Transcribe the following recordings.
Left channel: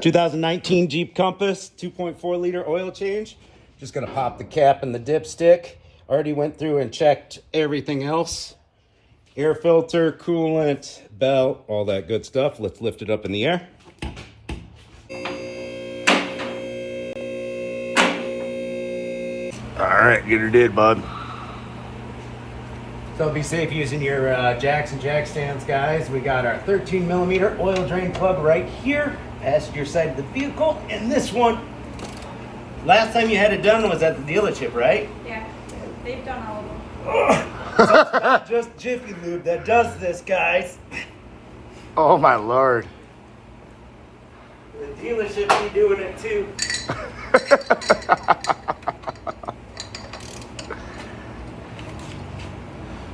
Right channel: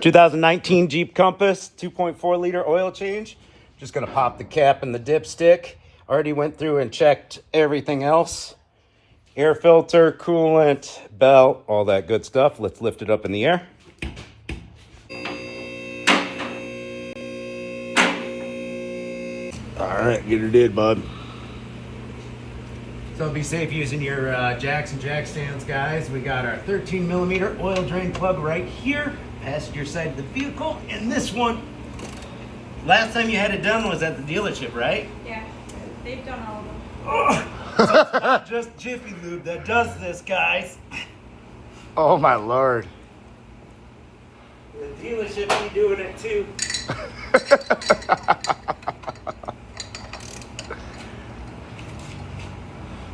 2019 Jeep Compass, 2.4 liter oil change. Just gonna pop the cap and the dipstick. Already went through and checked everything else. Air filter, coolant, belt, all that good stuff. Let's lift it up in the air. All right, get her did, bud. So be safe using your jacks and jack stands, guys. We got our 13 millimeter oil drain plug right here, passenger side of the vehicle. And this one, last time you had it done was at the dealership, right? Yeah, they've done all of them. So it's not just Jiffy Lube that does this, guys. Oh my Lord. The dealership be doing it too.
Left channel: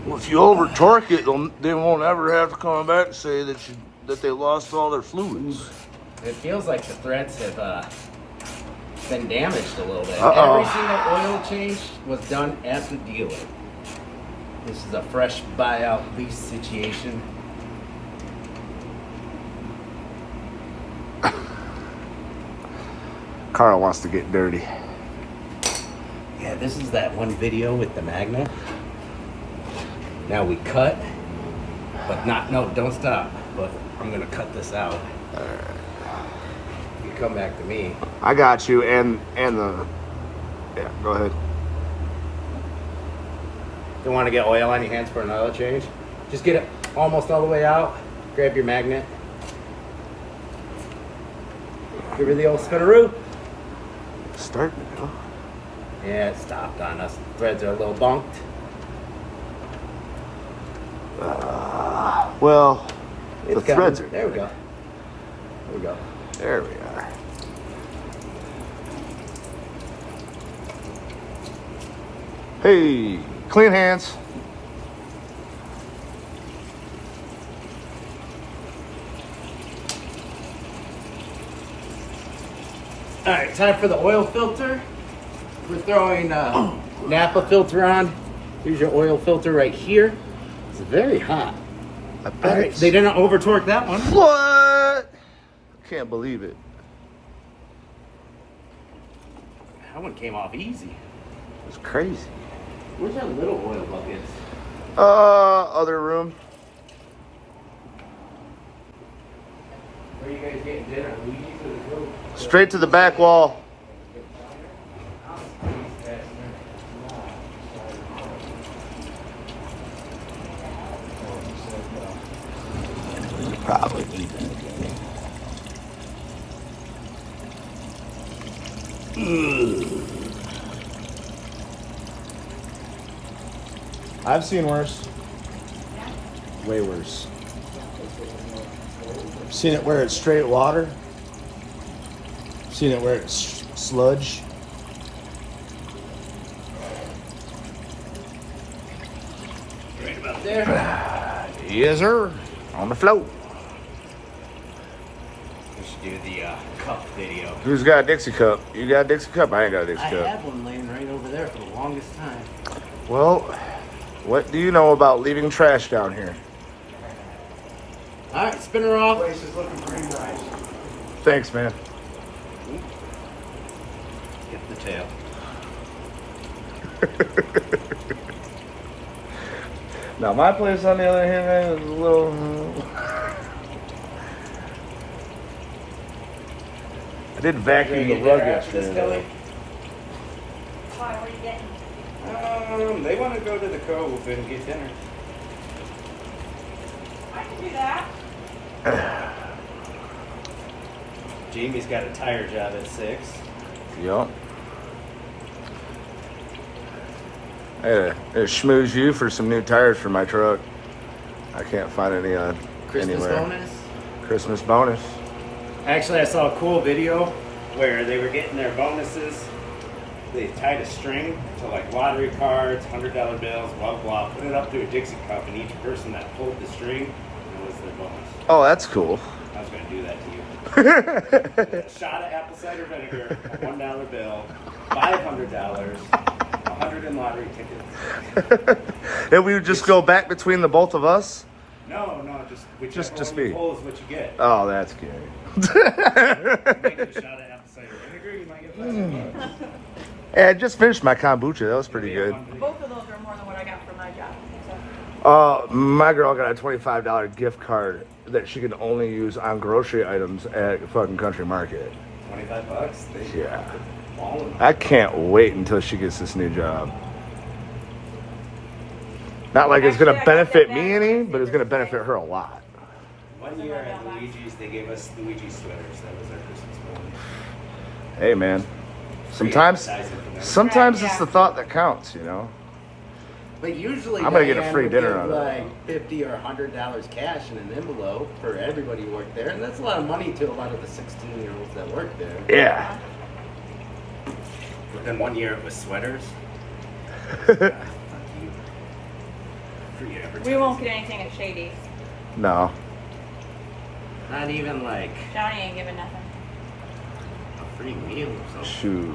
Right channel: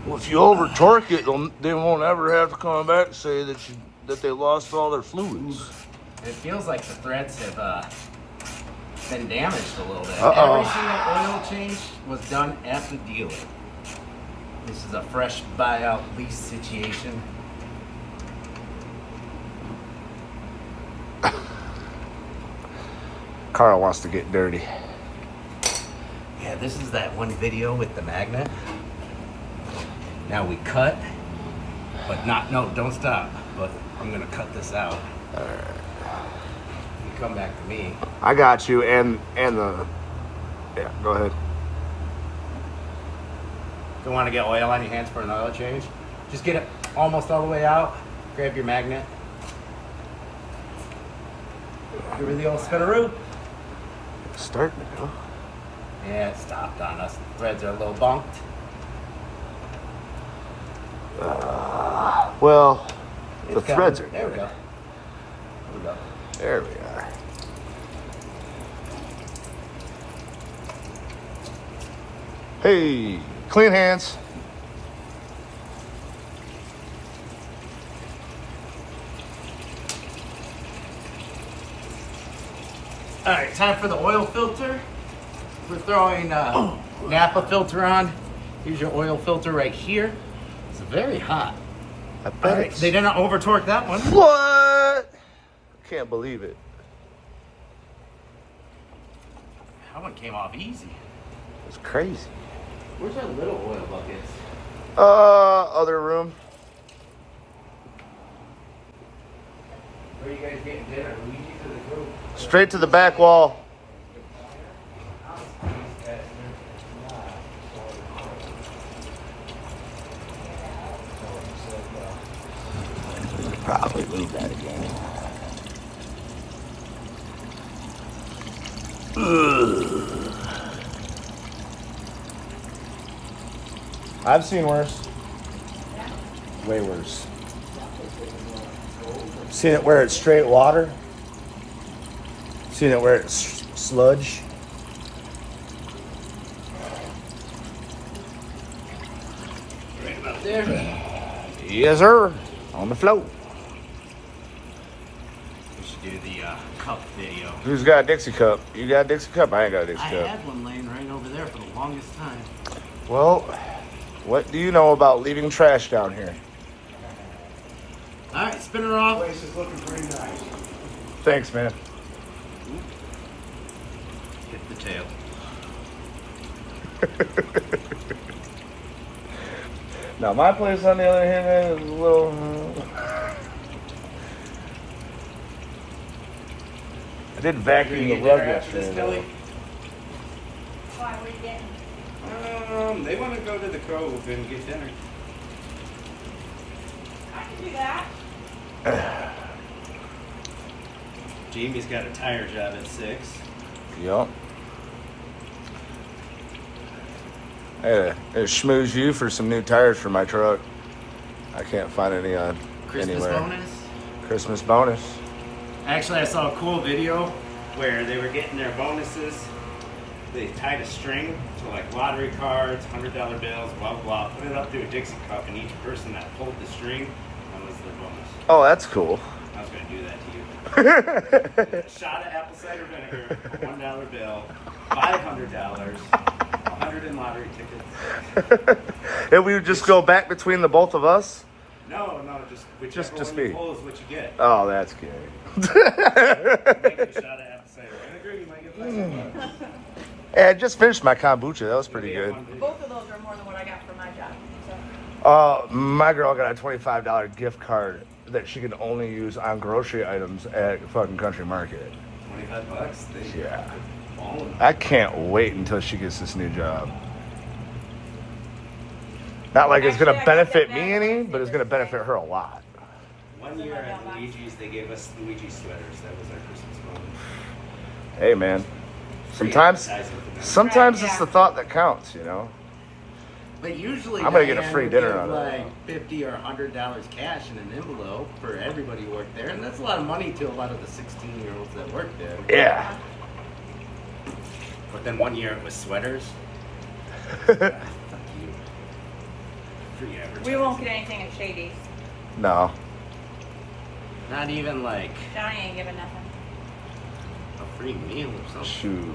Well, if you over torque it, they won't ever have to come back and say that they lost all their fluids. It feels like the threads have been damaged a little bit. Uh-oh. Every single oil change was done at the dealer. This is a fresh buyout lease situation. Carl wants to get dirty. Yeah, this is that one video with the magnet. Now we cut, but don't stop. But I'm gonna cut this out. You come back to me. I got you, and the. Yeah, go ahead. If you want to get oil on your hands for an oil change, just get it almost all the way out. Grab your magnet. Give her the old spinaroo. Start. Yeah, it stopped on us. Threads are a little bunked. Well, It's the threads are. There we go. There we go. There we are. Hey, clean hands. All right, time for the oil filter. We're throwing Napa filter on. Here's your oil filter right here. It's very hot. All right, they didn't over torque that one. What? Can't believe it. That one came off easy. It's crazy. Where's our little oil buckets? Other room. Are you guys getting dinner? Straight to the back wall. I've seen worse. Way worse. Seen it where it's straight water. Seen it where it's sludge. Right about there. Yes, sir. On the float. We should do the cup video. Who's got a Dixie cup? You got a Dixie cup? I ain't got a Dixie I cup. had one laying right over there for the longest time. Well, what do you know about leaving trash down here? All right, spin her off. Thanks, man. Get the tail. Now, my place, on the other hand, is a little... I did vacuum the dinner luggage. after this, Kelly? Why, what are you getting? They want to go to the Cove and get dinner. I can do that. Jamie's got a tire job at 6. Yup. Hey, schmooze you for some new tires for my truck. I can't find any on Christmas anywhere. bonus. Christmas bonus. Actually, I saw a cool video where they were getting their bonuses. They tied a string to like lottery cards, $100 bills, blah, blah, put it up to a Dixie cup, and each person that pulled the string was their bonus. Oh, that's cool. I was going to do that to you. A shot of apple cider vinegar, a $1 bill, $500, 100 in lottery tickets. And we would just go back between the both of us? No, just whichever Just one you me. pull is what you get. Oh, that's good. Yeah, I just finished my kombucha. That was pretty good. Both of those are more than what I got for my job. My girl got a $25 gift card that she can only use on grocery items at fucking Country Market. $25. Yeah. I can't wait until she gets this new job. Not like it's gonna Actually, I got benefit that me back any, in but it's gonna benefit her a lot. One year at Luigi's, they gave us Luigi sweaters. That was our Christmas bonus. Hey man, sometimes advertising for them. sometimes it's the thought that counts, you know. But usually I'm gonna get a Diane free would dinner give out of like $50 or $100 cash in an envelope for everybody who worked there, and that's a lot of money to a lot of the 16-year-olds that work there. Yeah. But then one year it was sweaters. God, fuck you. Free advertising. We won't get anything at Shady's. No. Not even like Johnny ain't giving nothing. a free meal or something. Shoot.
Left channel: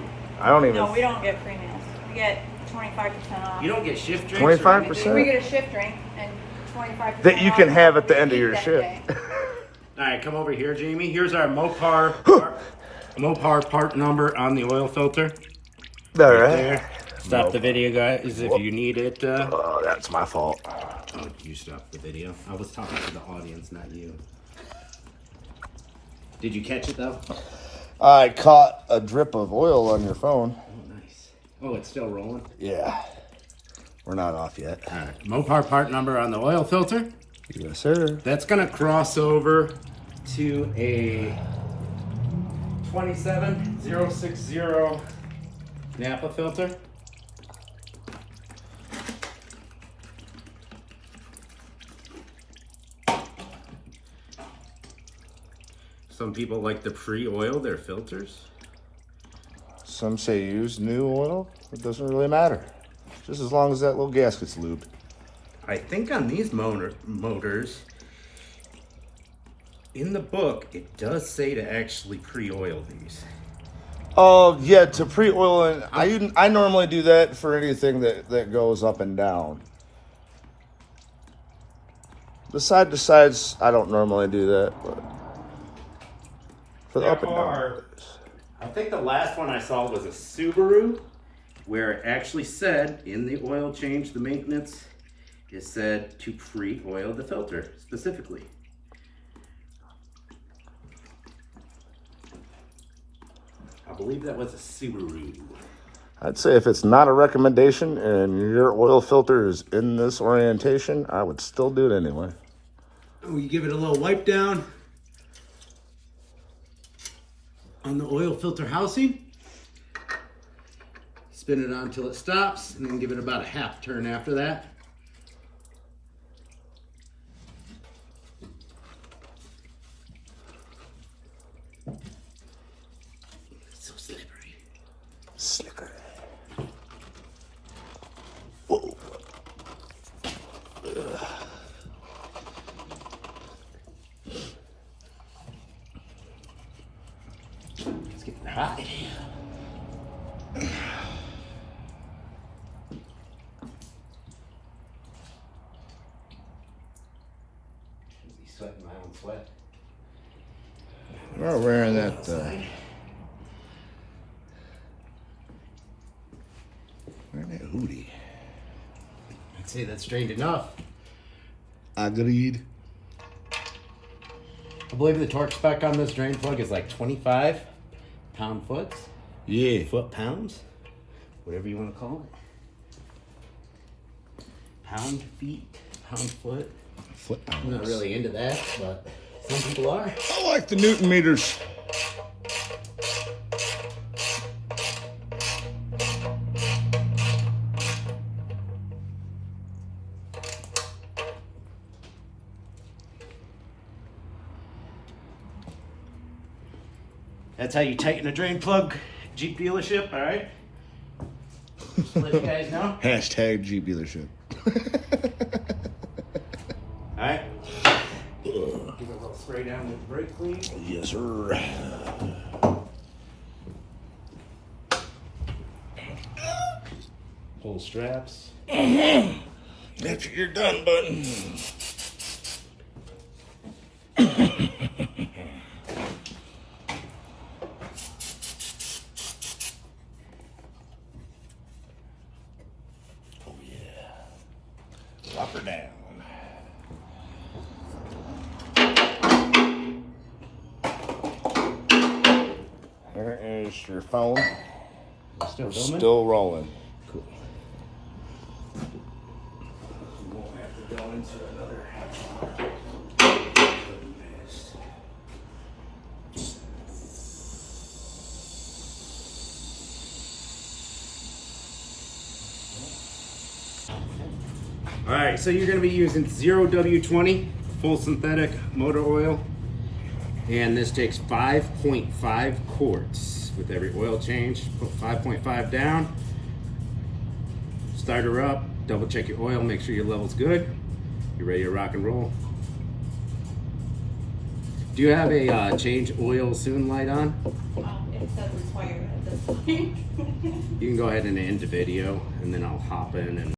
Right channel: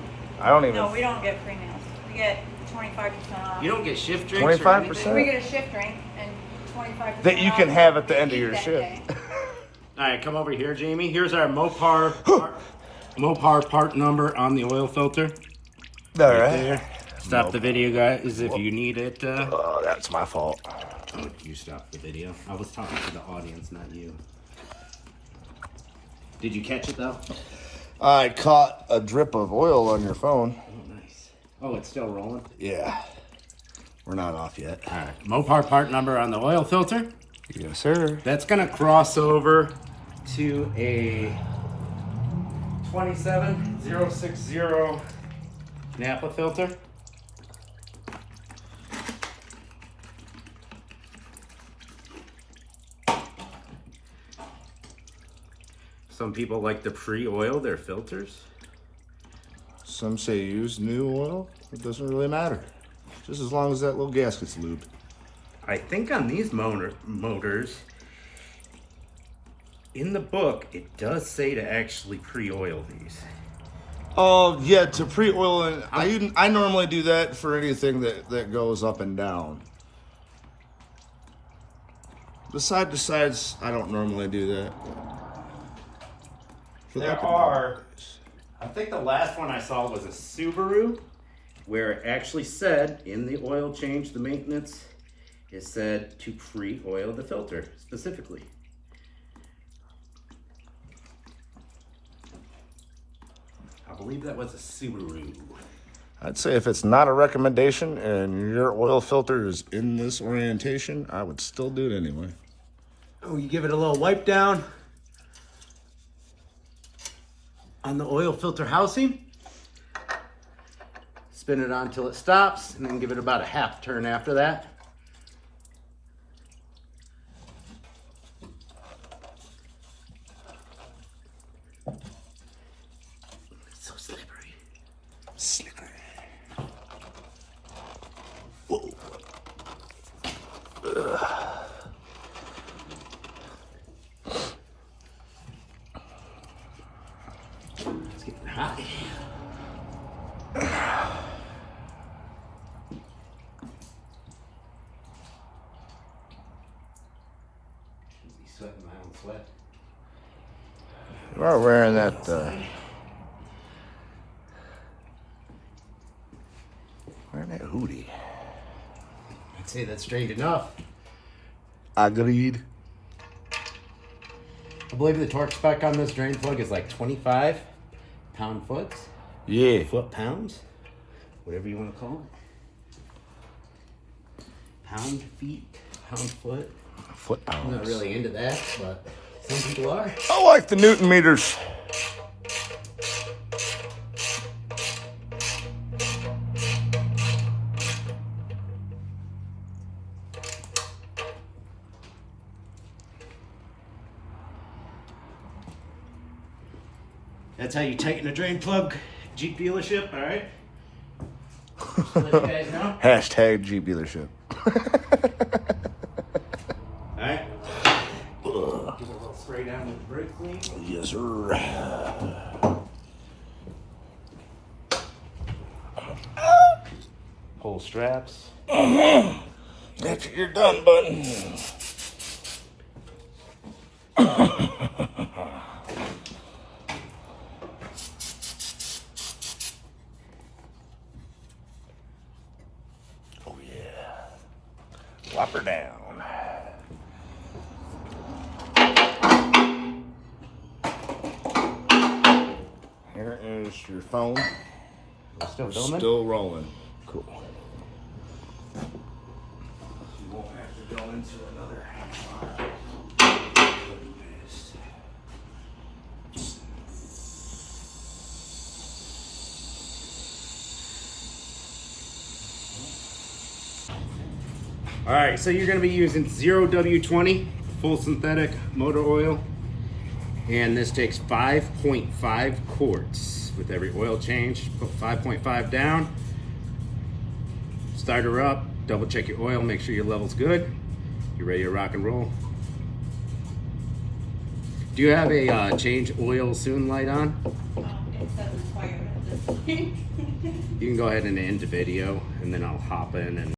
I don't even. No, we don't get free meals. We get 25% off. You don't get shift drinks or 25%? anything? We get a shift drink and 25% That you can off have at the end of eat your that shift. day. All right, come over here, Jamie. Here's our Mopar part number on the oil filter. All Right right. there. Stop the video, guys, if you need it. Oh, that's my fault. Oh, you stopped the video. I was talking to the audience, not you. Did you catch it though? I caught a drip of oil on your phone. Oh, nice. Oh, it's still rolling. Yeah. We're not off yet. All right, Mopar part number on the oil filter. Yes, sir. That's gonna cross over to a 27060 Napa filter. Some people like to pre-oil their filters. Some say use new oil. It doesn't really matter. Just as long as that little gasket's lubed. I think on these motors, in the book, it does say to actually pre-oil these. Oh, yeah, to pre-oil, and I normally do that for anything that goes up and down. The side to sides, I don't normally do that. But for the up and down. I think the last one I saw was a Subaru, where it actually said in the oil change, the maintenance, it said to pre-oil the filter specifically. I believe that was a Subaru. I'd say if it's not a recommendation and your oil filter is in this orientation, I would still do it anyway. Oh, you give it a little wipe down on the oil filter housing. Spin it on until it stops, and then give it about a half turn after that. It's so slippery. Slicker. Whoa. It's getting hot. Be sweating my own sweat. You are wearing that, wearing that hoodie. I'd say that's strained enough. Agreed. I believe the torque spec on this drain plug is like 25 pound-foot, Yeah. foot-pounds, whatever you want to call it. Pound-feet, pound-foot. Foot I'm not pounds. really into that, but some people are. I like the Newton meters. That's how you tighten a drain plug, Jeep dealership, all right? Just to let you guys know. Hashtag Jeep dealership. All right. Give it a little spray down with brake clean. Yes, sir. Pull straps. After you're done, bud. Up or down. Here is your phone. Still filming? Still rolling. Cool. You won't have to go into another. All right, so you're going to be using 0W20 full synthetic motor oil, and this takes 5.5 quarts with every oil change. Put 5.5 down, start her up, double check your oil, make sure your level's good. You're ready to rock and roll. Do you have a change oil soon light on? It says requirement at this point. You can go ahead and end the video, and then I'll hop in and